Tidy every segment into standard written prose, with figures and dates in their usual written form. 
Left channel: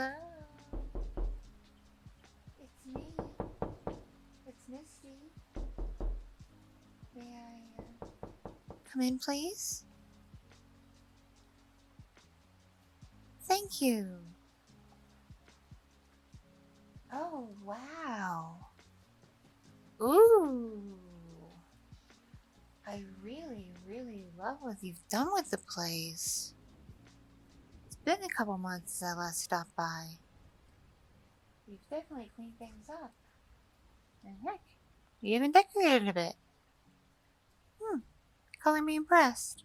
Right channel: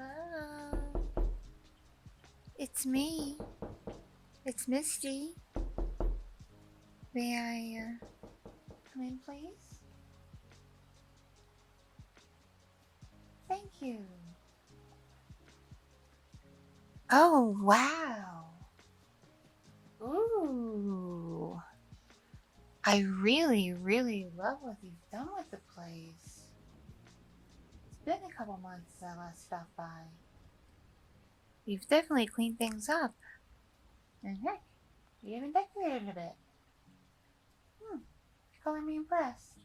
Hello. It's me. It's Misty. May I come in, please? Thank you. Oh, wow. Ooh. I really, really love what you've done with the place. It's been a couple months since I last stopped by. You've definitely cleaned things up. And heck, you even decorated a bit. Color me impressed.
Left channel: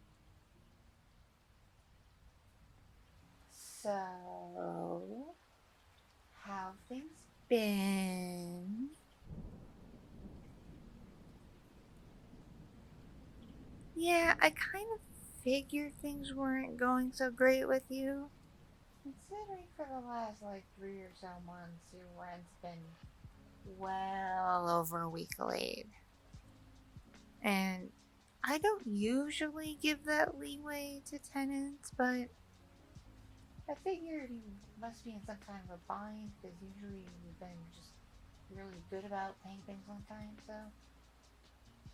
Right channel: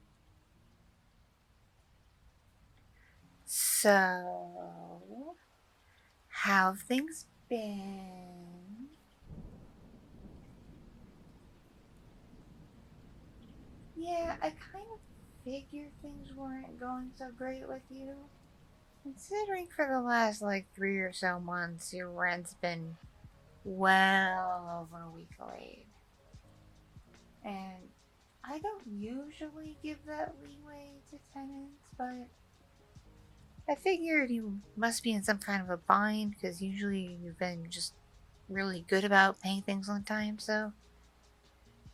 So, how have things been? Yeah, I kind of figured things weren't going so great with you. Considering for the last like 3 or so months, your rent's been well over a week late. And I don't usually give that leeway to tenants, but I figured you must be in some kind of a bind because usually you've been just really good about paying things on time, so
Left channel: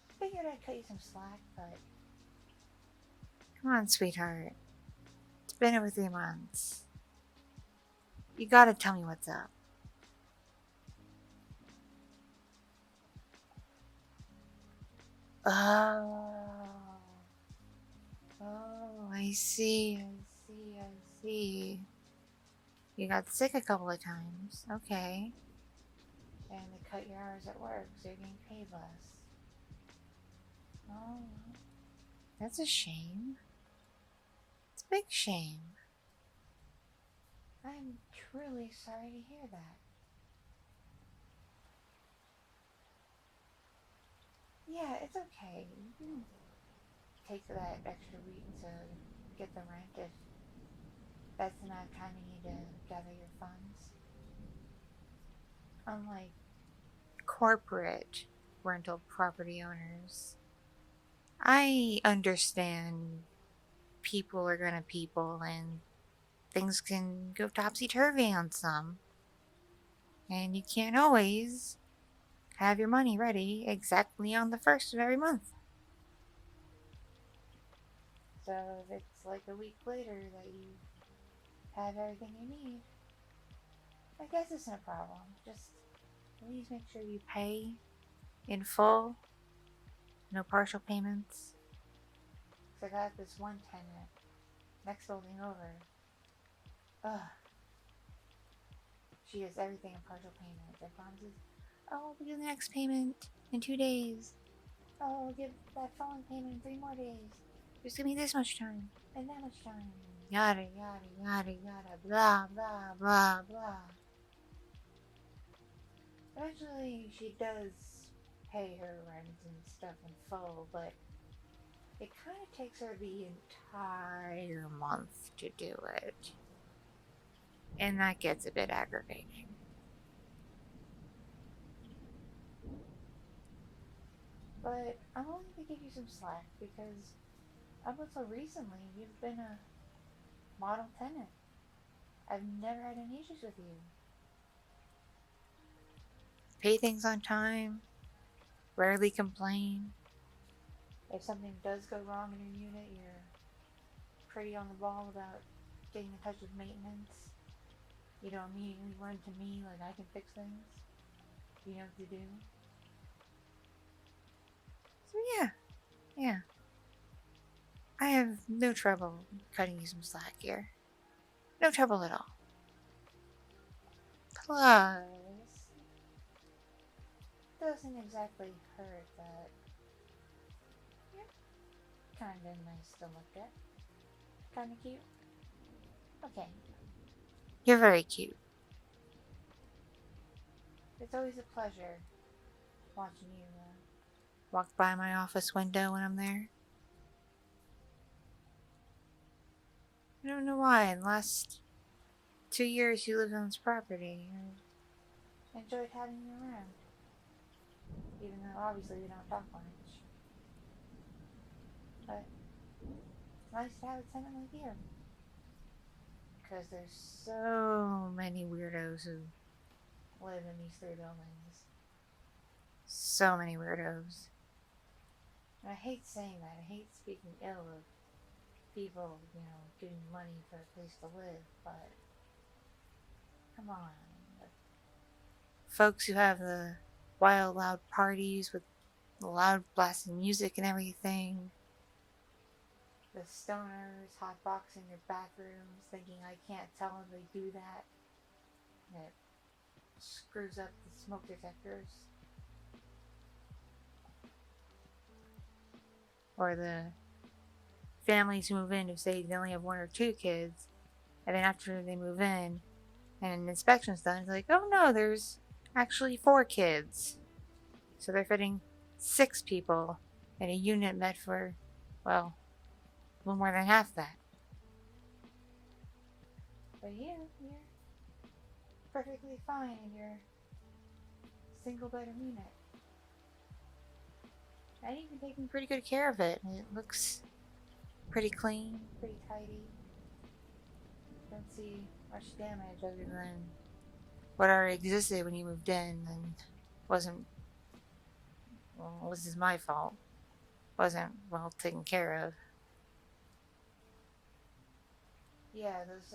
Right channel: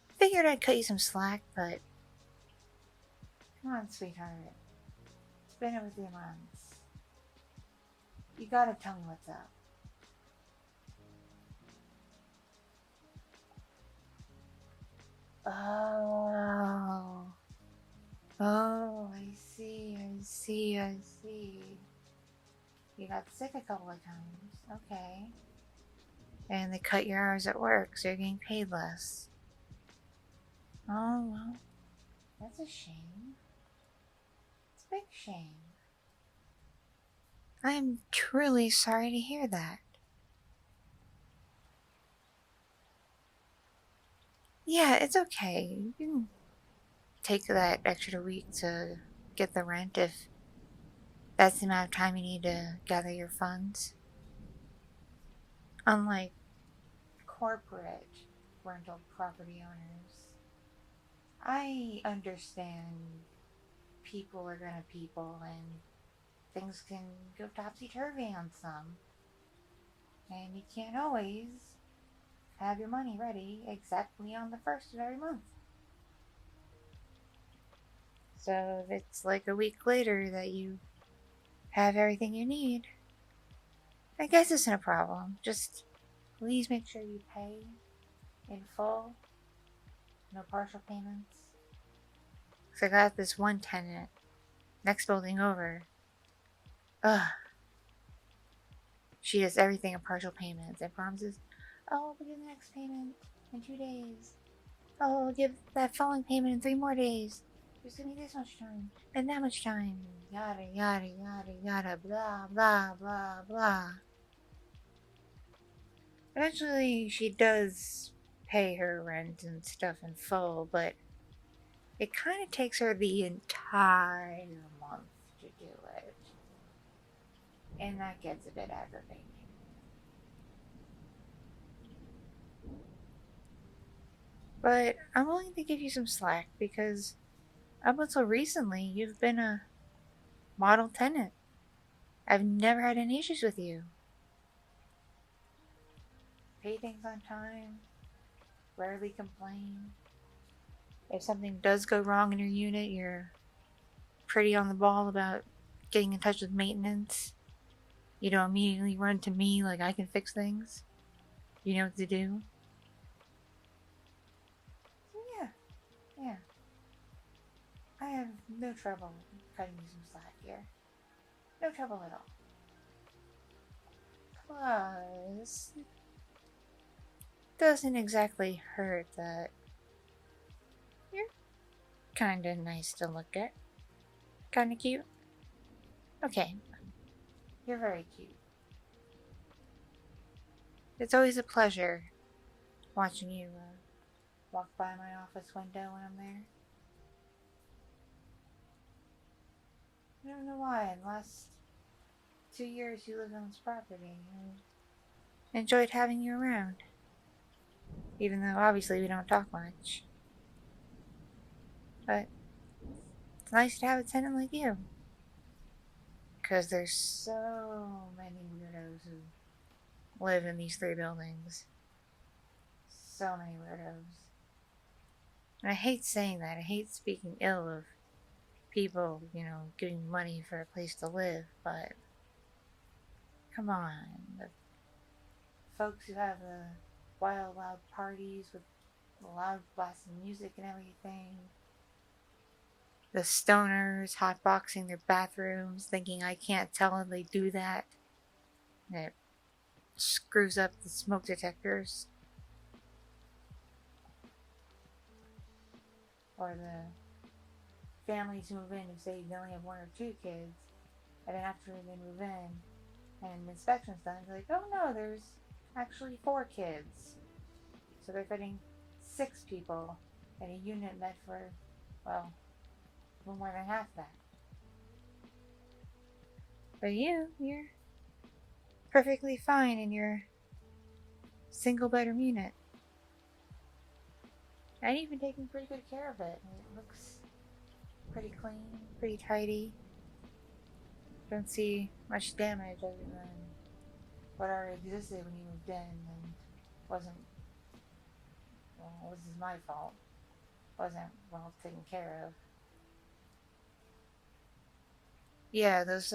I figured I'd cut you some slack, but come on, sweetheart. It's been over 3 months. You gotta tell me what's up. Oh. Oh, I see. You got sick a couple of times. Okay. And they cut your hours at work, so you're getting paid less. Oh, well, that's a shame. It's a big shame. I am truly sorry to hear that. Yeah, it's okay. You can take that extra week to get the rent if that's the amount of time you need to gather your funds. Unlike corporate rental property owners, I understand people are gonna people and things can go topsy-turvy on some. And you can't always have your money ready exactly on the first of every month. So if it's like a week later that you have everything you need, I guess it's no problem. Just please make sure you pay in full, no partial payments. Because I got this one tenant, next building over. Ugh. She does everything in partial payments and promises, oh, I'll give the next payment in 2 days. Oh, I'll give that following payment in 3 more days. Just give me this much time and that much time. Yada, yada, yada, yada, blah, blah, blah, blah. Eventually, she does pay her rent and stuff in full, but it kind of takes her the entire month to do it. And that gets a bit aggravating. But I'm willing to give you some slack because up until recently, you've been a model tenant. I've never had any issues with you. Pay things on time, rarely complain. If something does go wrong in your unit, you're pretty on the ball about getting in touch with maintenance. You don't immediately run to me like I can fix things. You know what to do. So yeah. I have no trouble cutting you some slack here. No trouble at all. Plus, doesn't exactly hurt that you're kinda nice to look at. Kinda cute. Okay, you're very cute. It's always a pleasure watching you walk by my office window when I'm there. I don't know why. In the last 2 years you lived on this property, I enjoyed having you around. Even though obviously we don't talk much. But it's nice to have a tenant like you. Because there's so many weirdos who live in these 3 buildings. So many weirdos. And I hate saying that. I hate speaking ill of people, giving money for a place to live, but come on. The folks who have the wild, loud parties with the loud blasting music and everything. The stoners hotboxing their bathrooms, thinking I can't tell them they do that. And it screws up the smoke detectors. Or the families who move in who say they only have 1 or 2 kids, and then after they move in and an inspection's done, it's like, oh no, there's actually 4 kids. So they're fitting 6 people in a unit meant for, well, a little more than half that. But you're perfectly fine in your single bedroom unit. And you've been taking pretty good care of it. It looks pretty clean, pretty tidy. Don't see much damage other than what already existed when you moved in and wasn't, well, this is my fault. Wasn't well taken care of. Yeah, those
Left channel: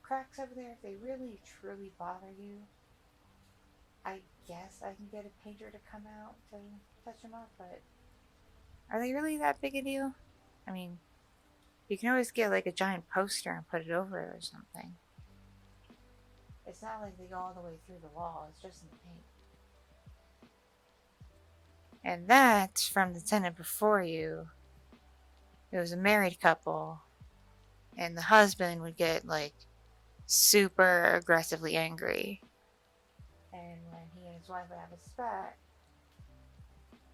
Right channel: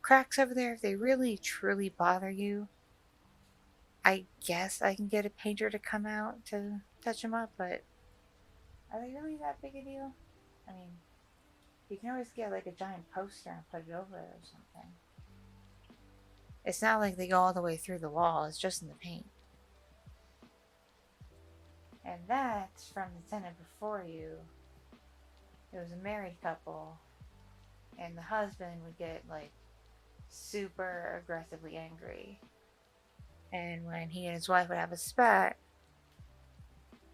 cracks over there, if they really truly bother you, I guess I can get a painter to come out to touch them up, but are they really that big a deal? I mean, you can always get like a giant poster and put it over it or something. It's not like they go all the way through the wall, it's just in the paint. And that's from the tenant before you. It was a married couple, and the husband would get like super aggressively angry. And when he and his wife would have a spat,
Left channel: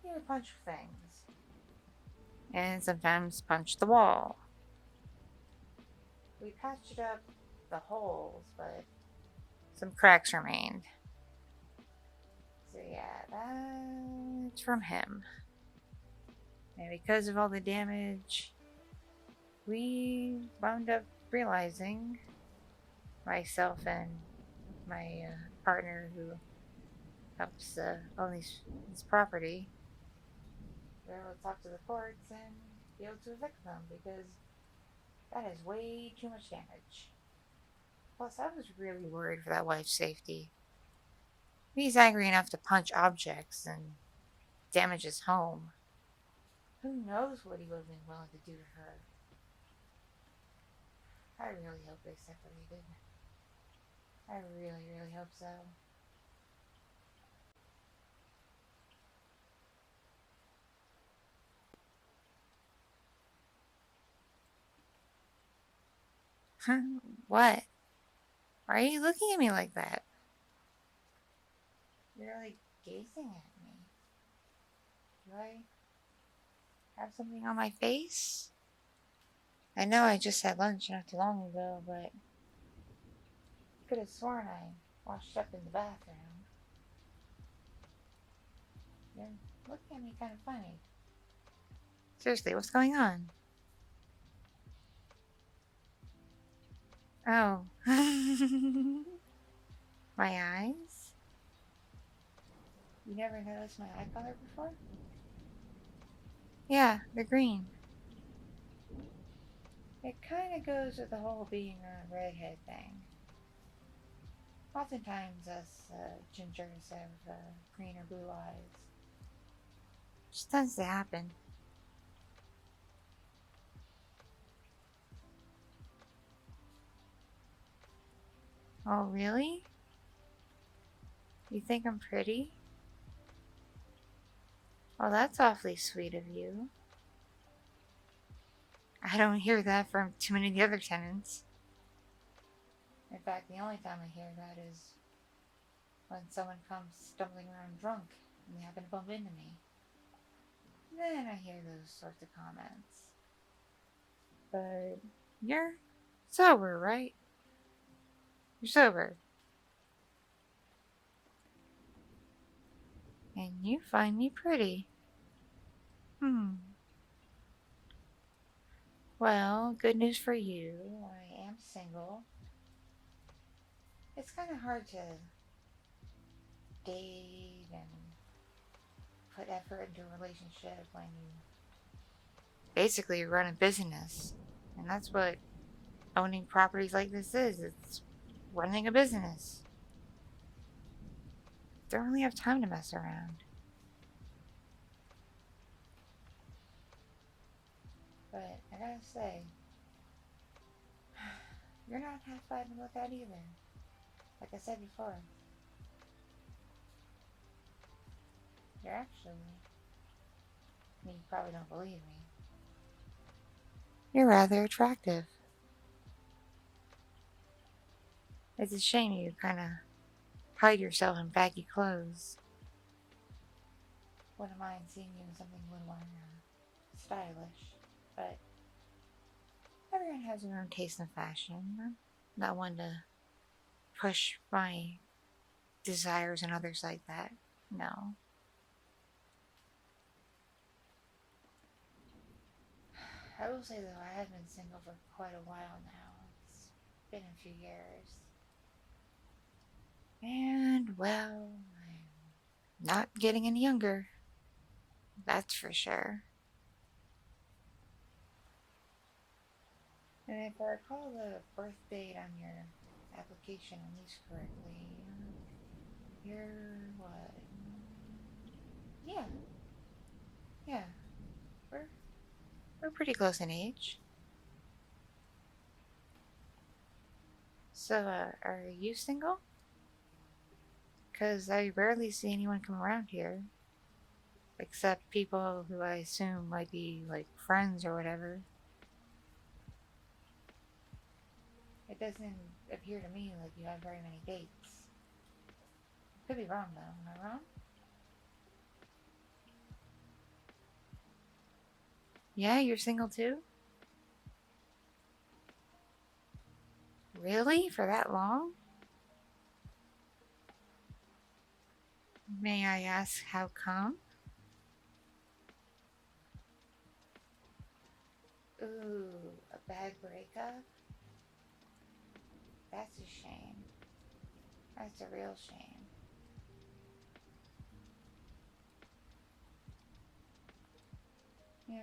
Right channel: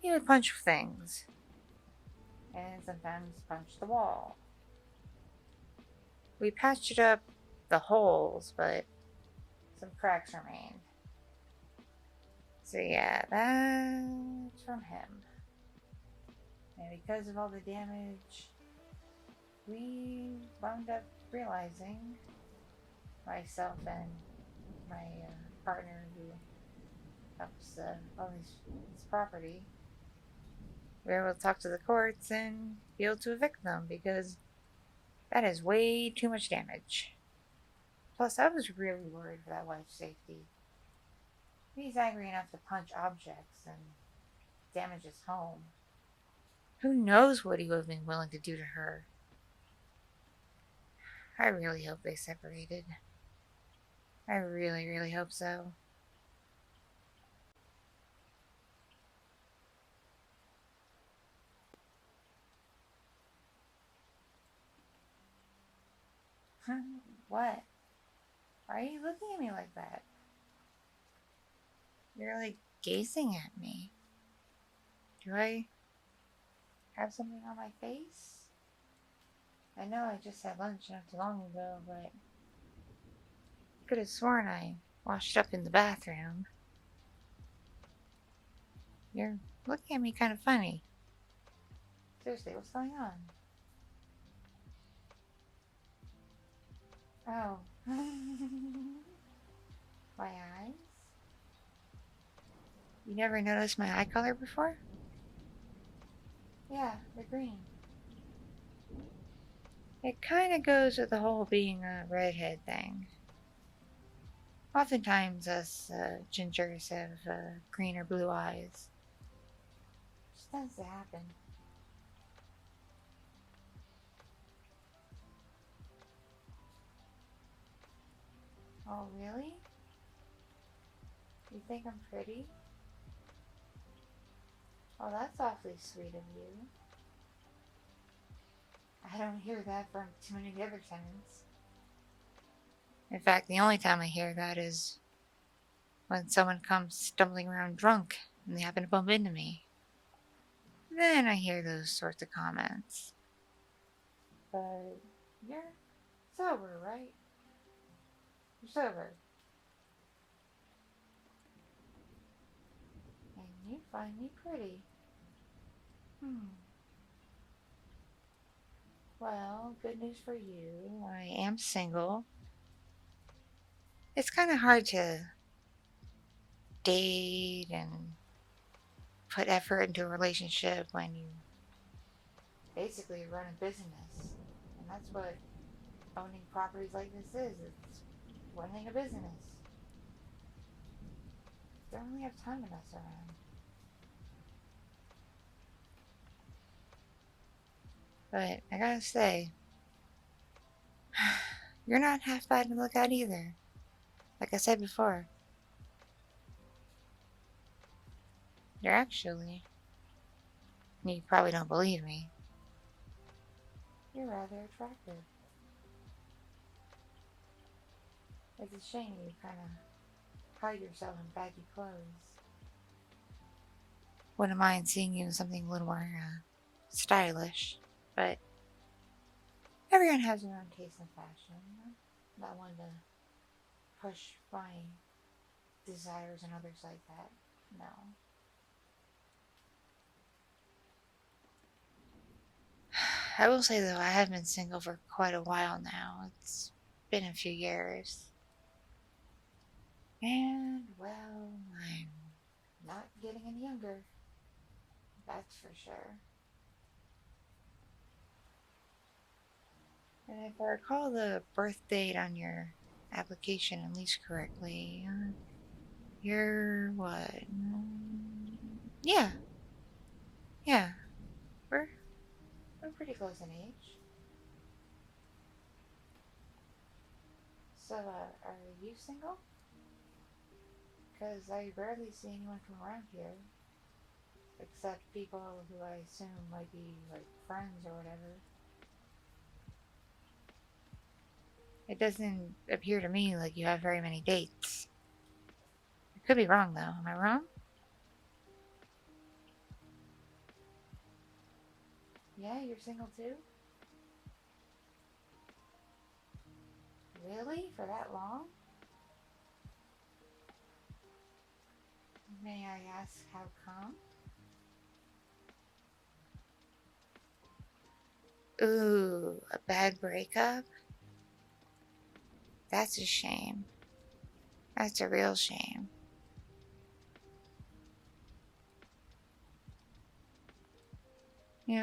he would punch things. And sometimes punch the wall. We patched up the holes, but some cracks remained. So yeah, that's from him. And because of all the damage, we wound up realizing, myself and my partner who helps own this property, we were able to talk to the courts and be able to evict them because that is way too much damage. Plus, I was really worried for that wife's safety. He's angry enough to punch objects and damage his home. Who knows what he would have been willing to do to her? I really hope they separated. I really, really hope so. What? Why are you looking at me like that? You're like gazing at me. Do I have something on my face? I know I just had lunch not too long ago, but I could have sworn I washed up in the bathroom. You're looking at me kind of funny. Seriously, what's going on? Oh. My eyes? You never noticed my eye color before? Yeah, they're green. It kind of goes with the whole being a redhead thing. Oftentimes us gingers have green or blue eyes. Just tends to happen. Oh, really? You think I'm pretty? Well, that's awfully sweet of you. I don't hear that from too many of the other tenants. In fact, the only time I hear that is when someone comes stumbling around drunk and they happen to bump into me. Then I hear those sorts of comments. But you're sober, right? You're sober. And you find me pretty. Well, good news for you. I am single. It's kind of hard to date and put effort into a relationship when you basically run a business. And that's what owning properties like this is. It's running a business. Don't really have time to mess around. But I gotta say, you're not half bad to look at either. Like I said before, you're actually, you probably don't believe me, you're rather attractive. It's a shame you kind of hide yourself in baggy clothes. Wouldn't mind seeing you in something a little more stylish, but everyone has their own taste in fashion. I'm not one to push my desires on others like that. No. I will say though, I have been single for quite a while now. It's been a few years. And, well, I'm not getting any younger. That's for sure. And if I recall the birth date on your application at least correctly, you're what? Yeah, yeah. We're we're pretty close in age. So, are you single? Because I rarely see anyone come around here, except people who I assume might be like friends or whatever. It doesn't appear to me like you have very many dates. I could be wrong though. Am I wrong? Yeah, you're single too? Really? For that long? May I ask how come? Ooh, a bad breakup? That's a shame. That's a real shame.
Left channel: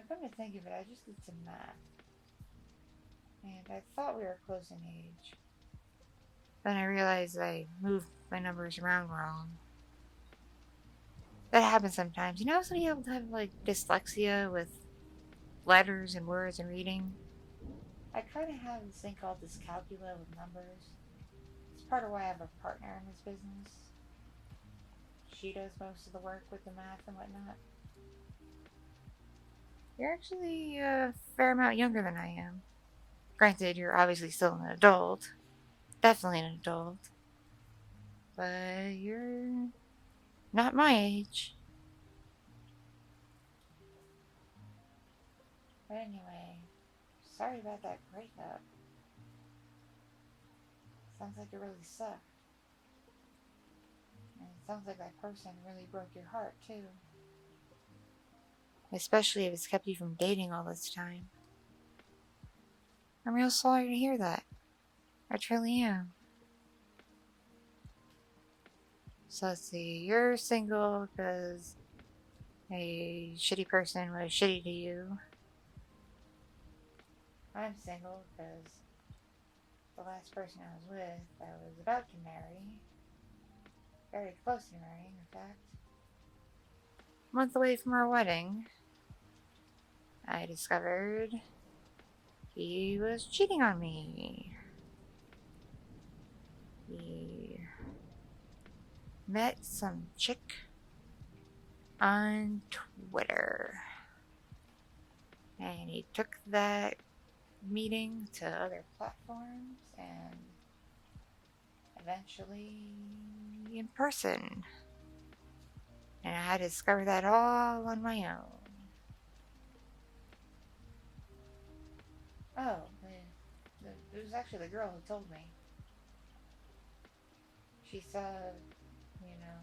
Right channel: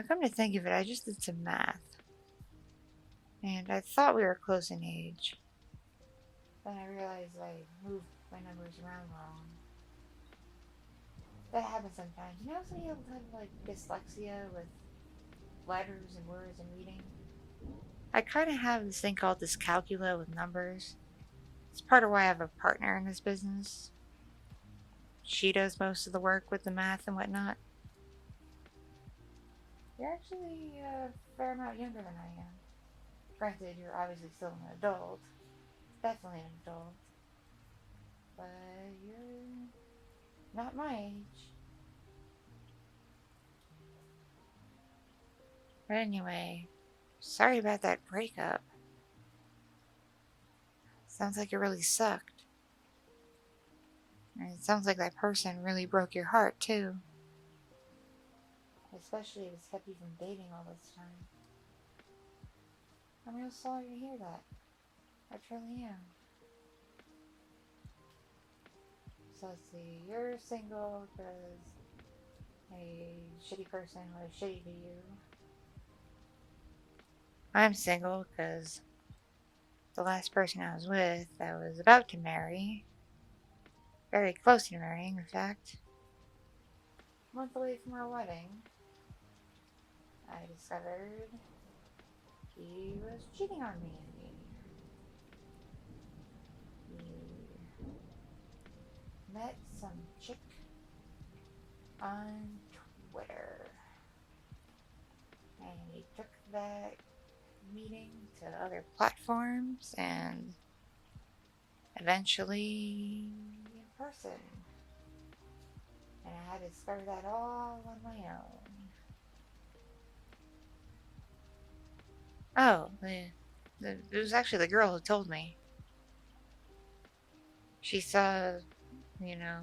Come to think of it, I just did some math. And I thought we were close in age. Then I realized I moved my numbers around wrong. That happens sometimes. Some people have like dyslexia with letters and words and reading. I kind of have this thing called dyscalculia with numbers. It's part of why I have a partner in this business. She does most of the work with the math and whatnot. You're actually a fair amount younger than I am. Granted, you're obviously still an adult. Definitely an adult. But you're not my age. But anyway, sorry about that breakup. Sounds like it really sucked. And it sounds like that person really broke your heart, too. Especially if it's kept you from dating all this time. I'm real sorry to hear that. I truly am. So let's see, you're single because a shitty person was shitty to you. I'm single because the last person I was with, I was about to marry. Very close to marrying, in fact. A month away from our wedding, I discovered he was cheating on me. He met some chick on Twitter. And he took that meeting to other platforms and eventually in person. And I had to discover that all on my own. Oh, it was actually the girl who told me. She saw, you know,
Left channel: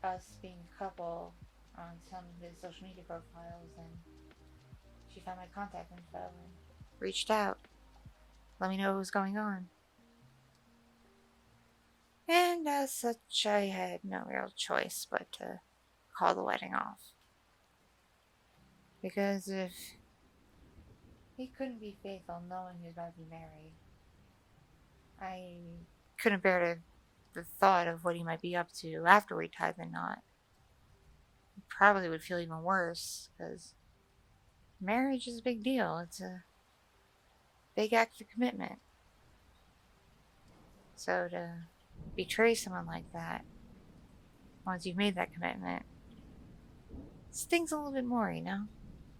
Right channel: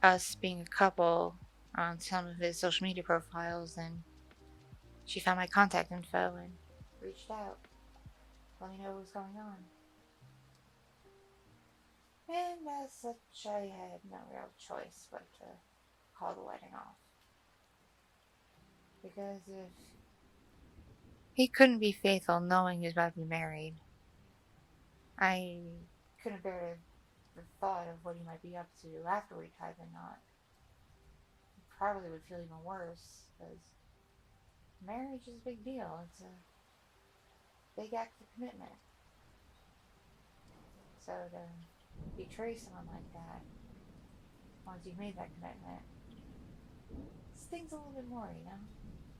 us being a couple on some of his social media profiles, and she found my contact info and reached out. Let me know what was going on. And as such, I had no real choice but to call the wedding off. Because if he couldn't be faithful knowing he was about to be married, I couldn't bear the thought of what he might be up to after we tied the knot. He probably would feel even worse, because marriage is a big deal. It's a big act of commitment. So to betray someone like that, once you've made that commitment, stings a little bit more, you know?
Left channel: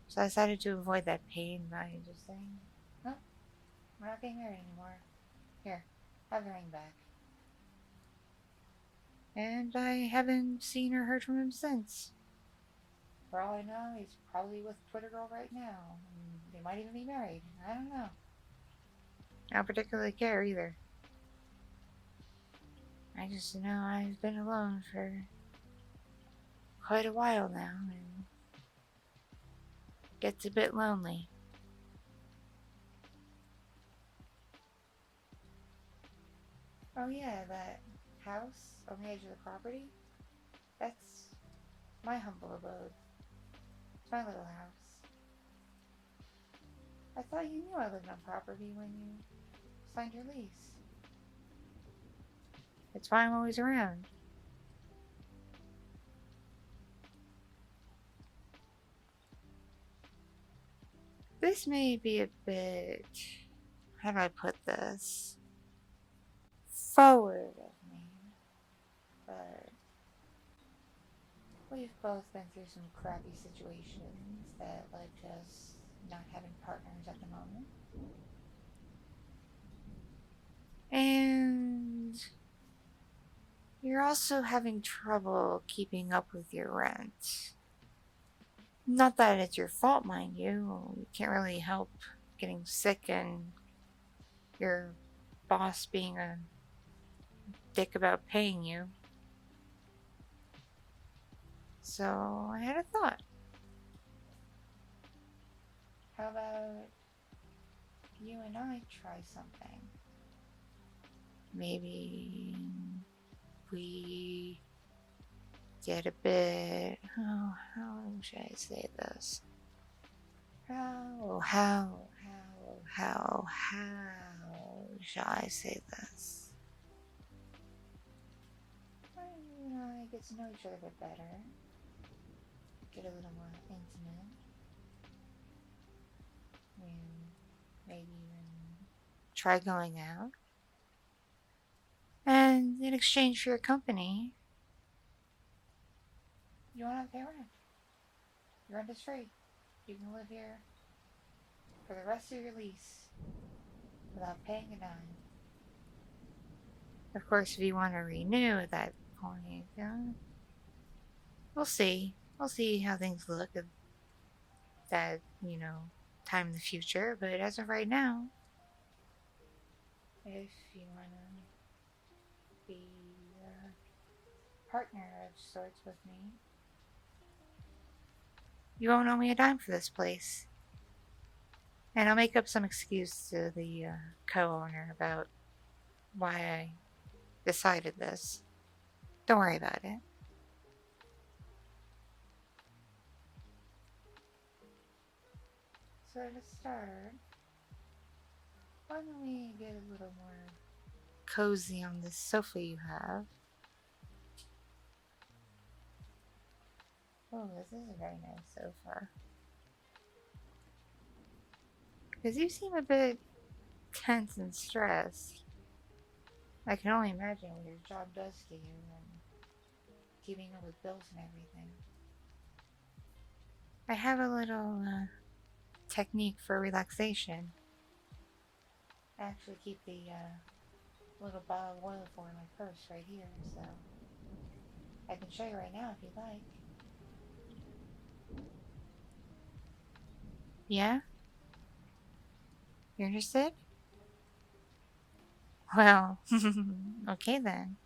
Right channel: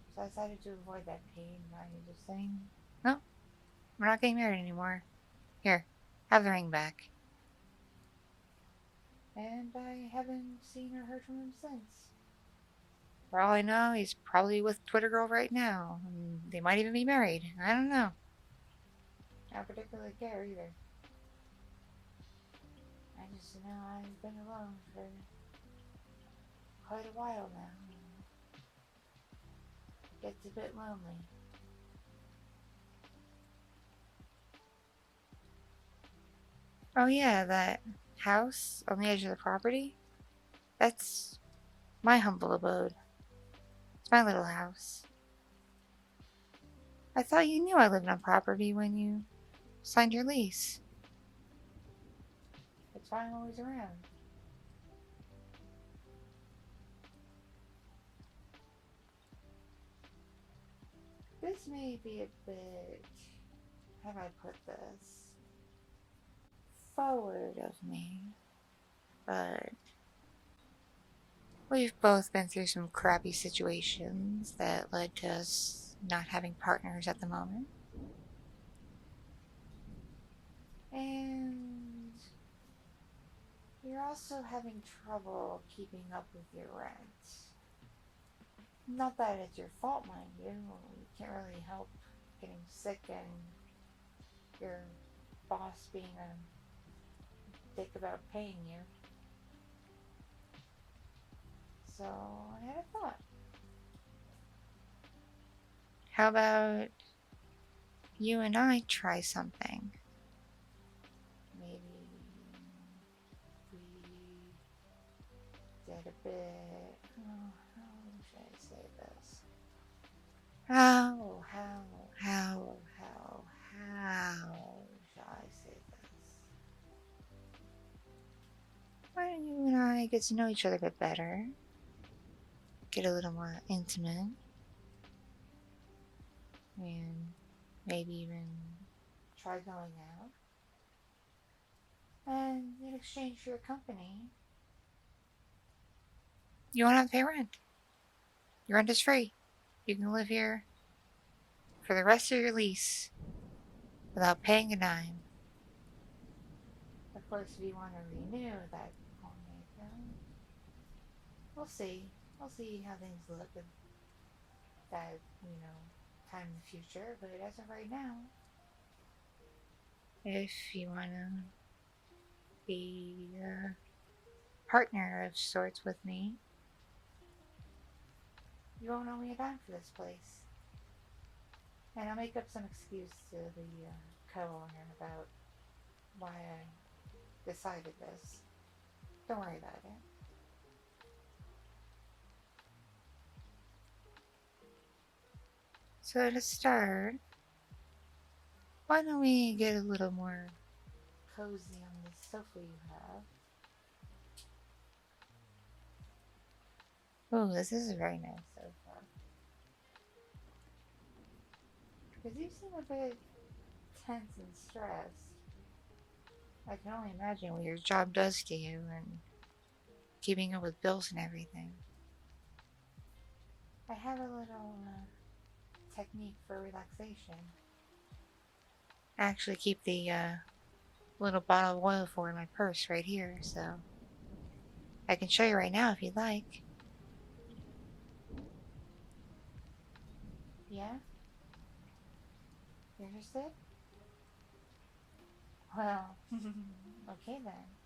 So I decided to avoid that pain by just saying, no, we're not getting married anymore. Here, have the ring back. And I haven't seen or heard from him since. For all I know, he's probably with Twitter Girl right now. And they might even be married. I don't know. I don't particularly care either. I just know I've been alone for quite a while now, and it gets a bit lonely. Oh yeah, that house on the edge of the property? That's my humble abode. It's my little house. I thought you knew I lived on property when you signed your lease. That's why I'm always around. This may be a bit... how do I put this? Forward of me. But we've both been through some crappy situations that led to us not having partners at the moment. And you're also having trouble keeping up with your rent. Not that it's your fault, mind you. You can't really help getting sick and your boss being a dick about paying you. So I had a thought. How about you and I try something? Maybe we get a bit... oh, how should I say this? How shall I say this? Why don't you and I get to know each other a bit better? Get a little more intimate. And maybe even try going out. And in exchange for your company, you won't have to pay rent. Your rent is free. You can live here for the rest of your lease without paying a dime. Of course, if you want to renew at that point, we'll see. We'll see how things look at that, time in the future. But as of right now, if you want to be a partner of sorts with me, you won't owe me a dime for this place. And I'll make up some excuse to the co-owner about why I decided this. Don't worry about it. So to start, why don't we get a little more cozy on this sofa you have? Ooh, this is a very nice sofa. Because you seem a bit tense and stressed. I can only imagine what your job does to you and keeping up with bills and everything. I have a little technique for relaxation. I actually keep the little bottle of oil for in my purse right here, so I can show you right now if you'd like. Yeah? You're interested? Well, okay then.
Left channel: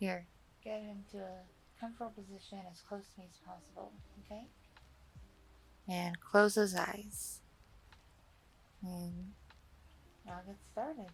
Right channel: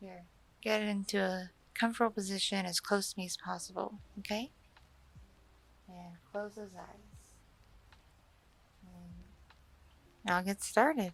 Here, get it into a comfortable position as close to me as possible, okay? and close his eyes. And I'll get started.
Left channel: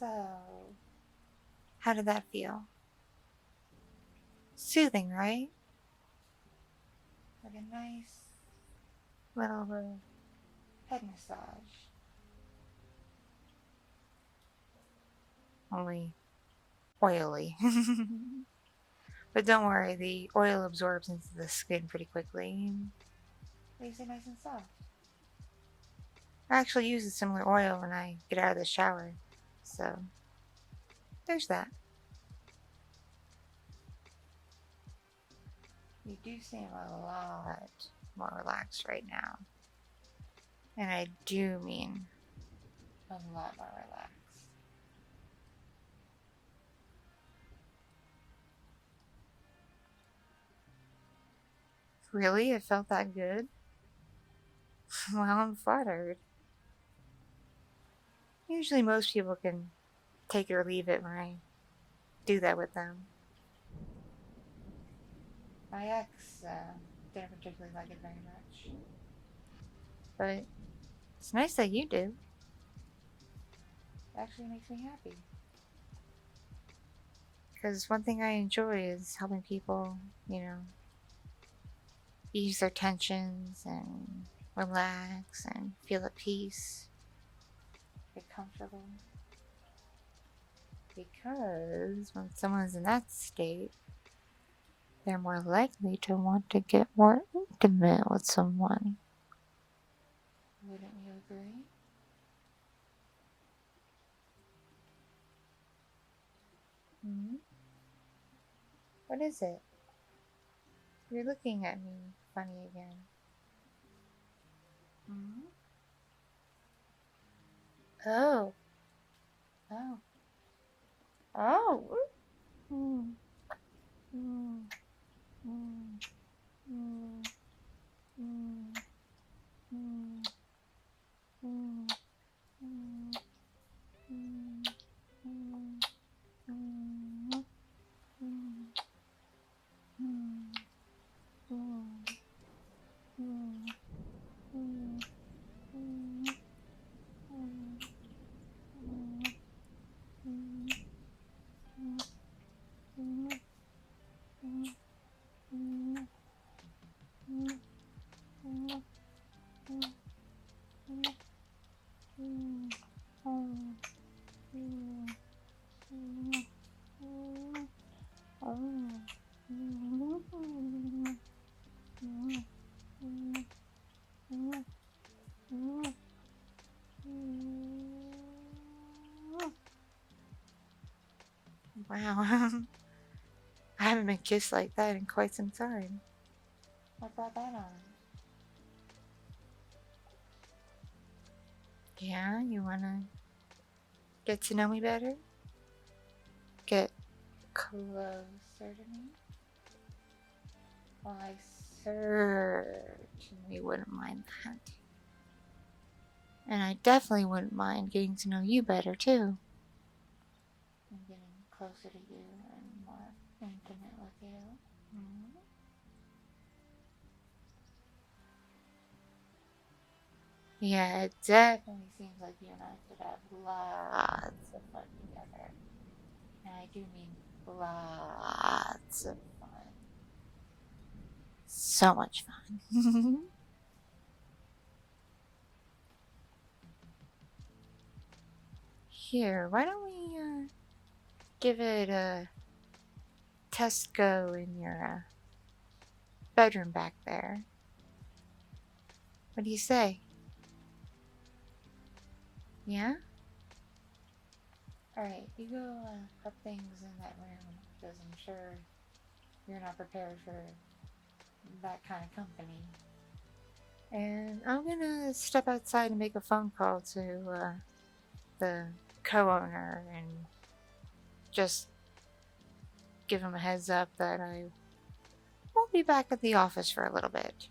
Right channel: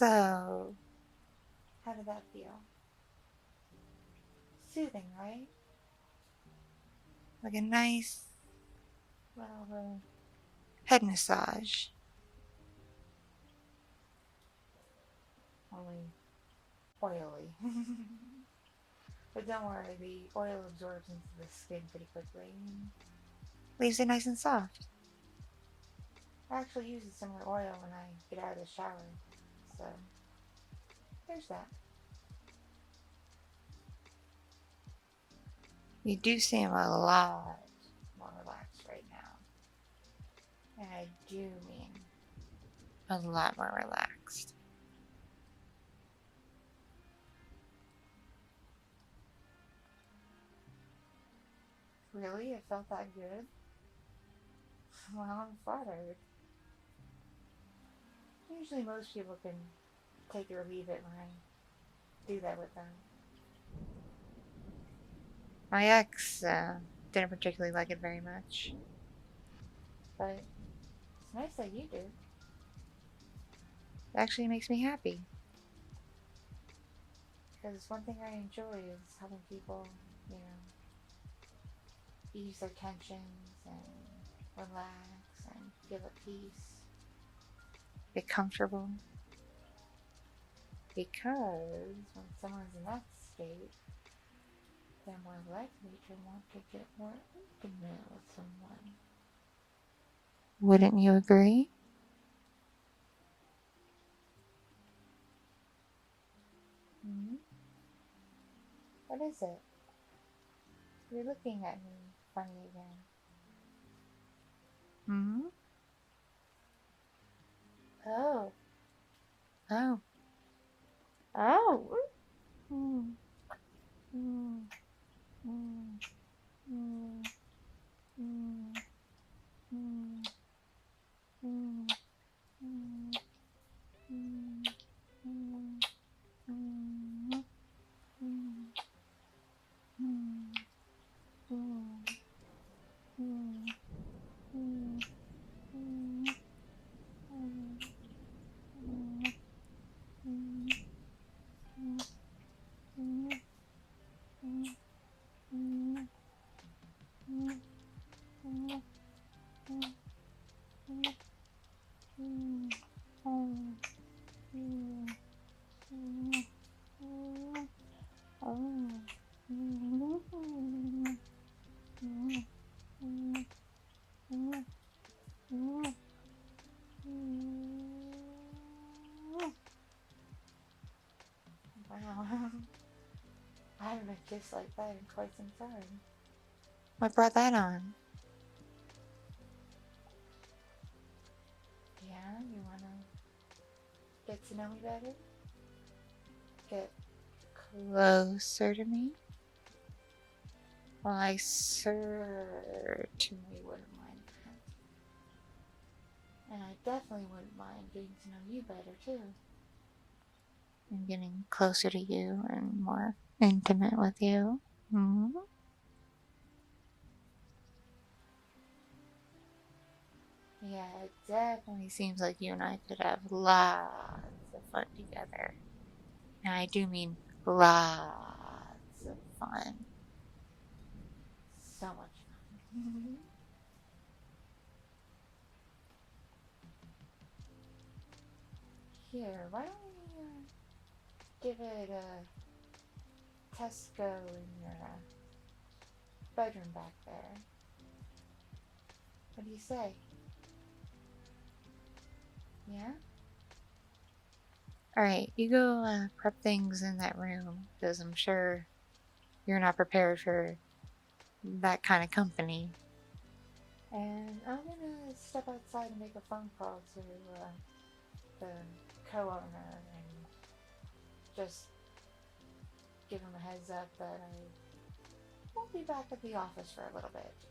So, how did that feel? Soothing, right? Like a nice little head massage. Only oily. But don't worry, the oil absorbs into the skin pretty quickly and leaves it nice and soft. I actually use a similar oil when I get out of the shower, so there's that. You do seem a lot more relaxed right now. And I do mean a lot more relaxed. Really? It felt that good? Well, I'm flattered. Usually most people can take it or leave it when I do that with them. My ex didn't particularly like it very much. But it's nice that you do. It actually makes me happy. Because one thing I enjoy is helping people, ease their tensions and relax and feel at peace. Get comfortable. Because when someone's in that state, they're more likely to want to get more intimate with someone. Wouldn't you agree? Hmm? What is it? You're looking at me funny again. Hmm? Oh. Oh. Oh. Mm. Mm. Mm. Mm. Mm. Mm. Mm. Mm. Mm. Mm. Mm. Mm. Mm. Mm. Mm. Mm. Mm. Wow. I haven't been kissed like that in quite some time. What brought that on? Yeah, you wanna get to know me better? Get closer to me? Well, I certainly wouldn't mind that. And I definitely wouldn't mind getting to know you better, too. And getting closer to you and more intimate with you. Hmm? Yeah, it definitely seems like you and I could have lots of fun together. And I do mean lots of fun. So much fun. Here, why don't we give it a test go in your bedroom back there? What do you say? Yeah? Alright, you go prep things in that room, because I'm sure you're not prepared for that kind of company. And I'm gonna step outside and make a phone call to the co-owner and just give him a heads up that I won't be back at the office for a little bit.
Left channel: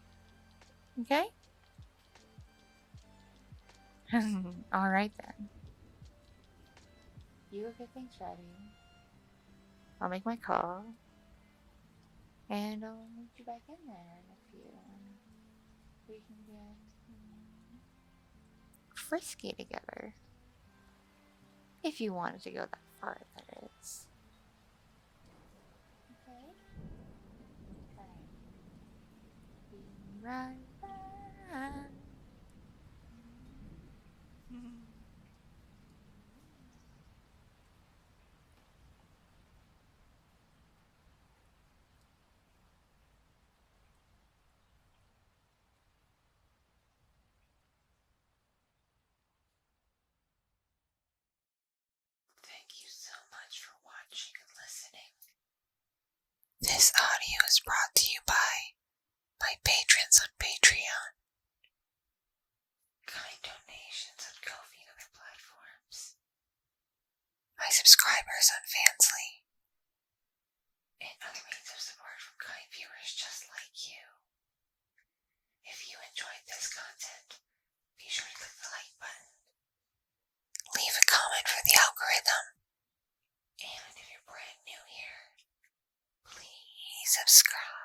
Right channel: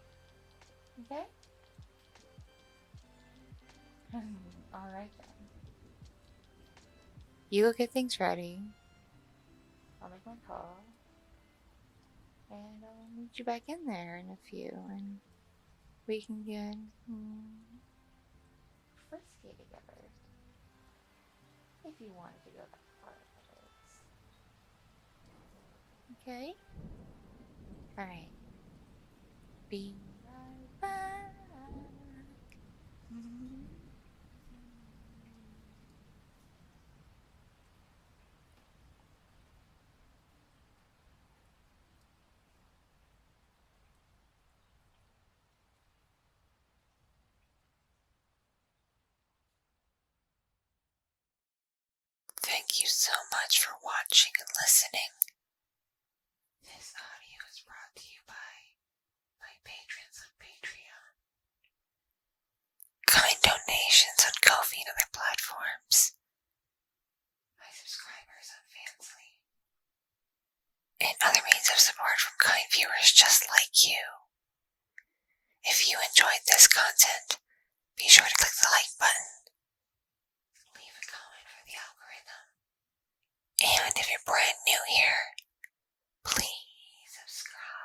Okay? Alright then. You go get things ready. I'll make my call. And I'll meet you back in there in a few. And we can get frisky together. If you wanted to go that far, that is. Okay? Alright. Be right back. Thank you so much for watching and listening. This audio is brought to you by my patrons on Patreon, kind donations on Ko-fi and other platforms, my subscribers on Fansly, and other means of support from kind viewers just like you. If you enjoyed this content, be sure to click the like button, leave a comment for the algorithm, and if you're brand new here, please subscribe.